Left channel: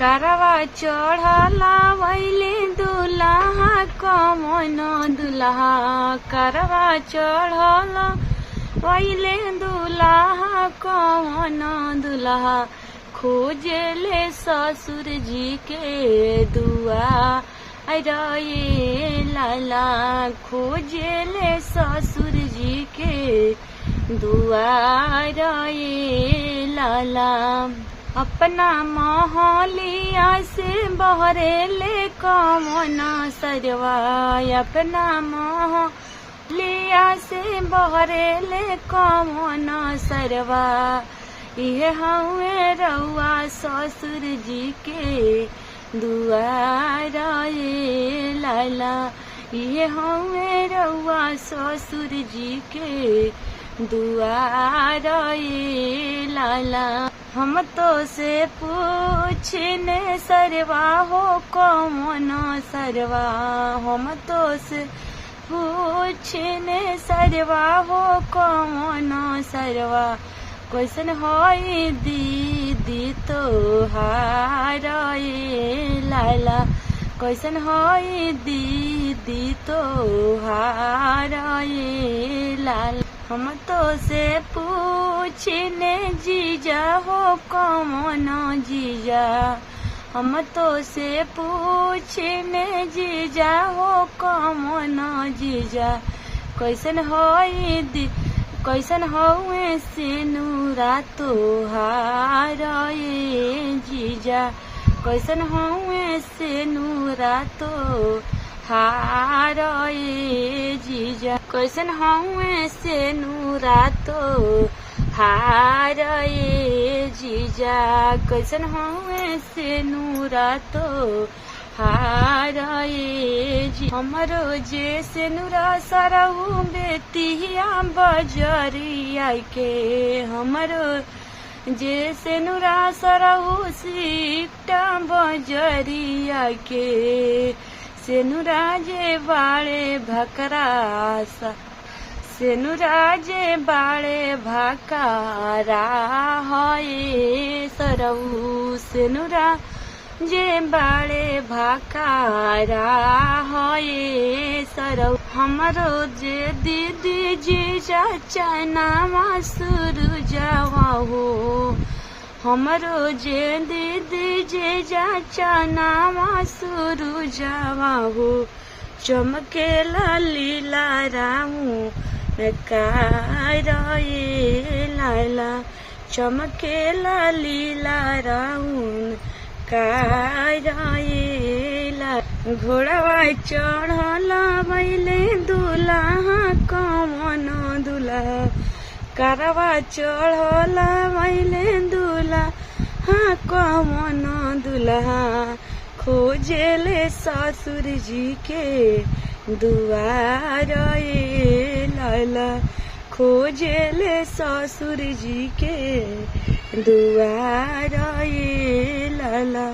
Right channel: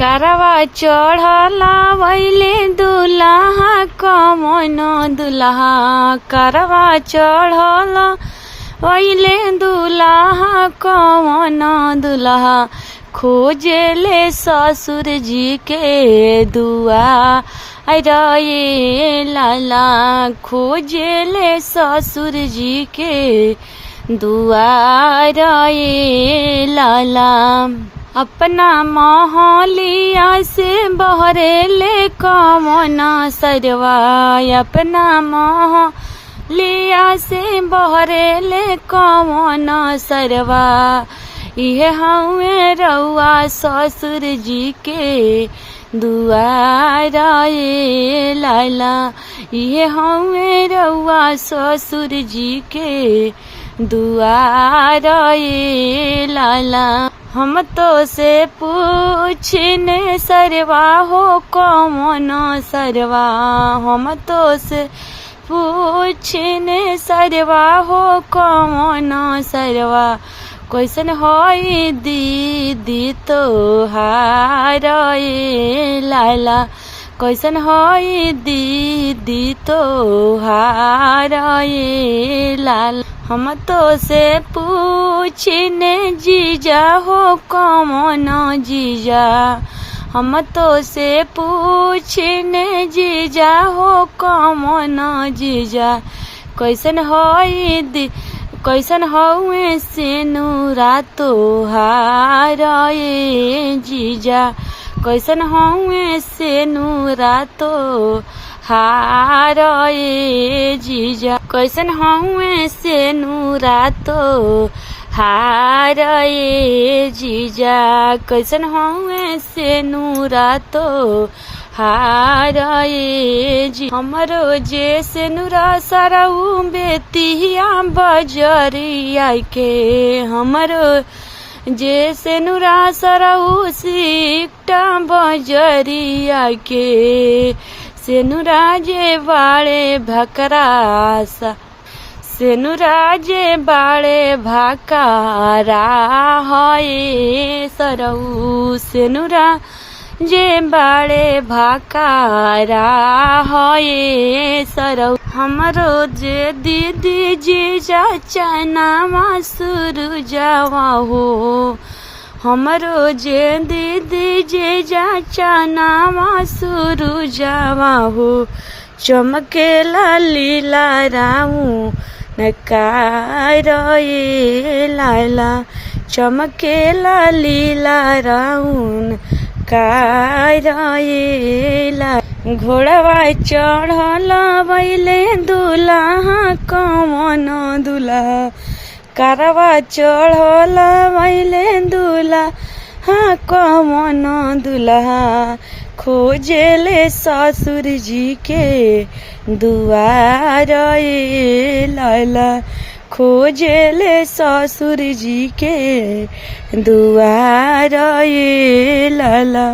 करवा चढ़ला वैले दुल्हा कमन दुल्हा करवा चढ़ला वैले दुल्हा कमन दुल्हा खोजले ससुर जी के दुआ रे लाला खोजले ससुर जी के दुआ रे लाला अपना मोहलिया से बहरेले कमन सरवा अपना मोहलिया से बहरेले कमन सरवा इहे हमें रउआ ससुर जी के दुआर रे लाला इहे हमें रउआ ससुर जी के दुआर रे लाला हम तो से पूछने सरवा हो कमन सरवा हम तो से पूछने सरवा हो कमन सरवा कैसन होई दीदी तोहार रे लाला कैसन होई दीदी तोहार रे लाला हम तो से पूछने जीजा हो कमन जीजा हम तो से पूछने जीजा हो कमन जीजा कैसन होई कैसन हउए से नूरा तोहार रे जीजा कैसन हउए से नूरा तोहार रे जीजा कैसन हउए से नूरा तोहार रे जीजा कैसन हउए से नूरा हार जी हमरो जे से नुरा सरऊ बेतिया बजरिया के हमरो जे से नुरा सरऊ सिकटा बजरिया के से नुरा जे बाड़े भकरासा से नुरा जे बाड़े भकारा है सरऊ से नुरा जे बाड़े भाकारा है सरऊ हमरो जे दीदी जी चाचा नामा सुरु जावा हो हमरो जे दीदी जी चाचा नामा सुरु जावा हो चमकेला लीला राऊ नकार रे लाला चमकेला लीला राउन कायला घोड़वा चढ़ला बैले दुल्हा कमन दुल्हा करवा चढ़ला बैले दुल्हा कमन दुल्हा खोजले ससुर जी के दुआर रे लाला खोजले ससुर जी के दुआर रे लाला।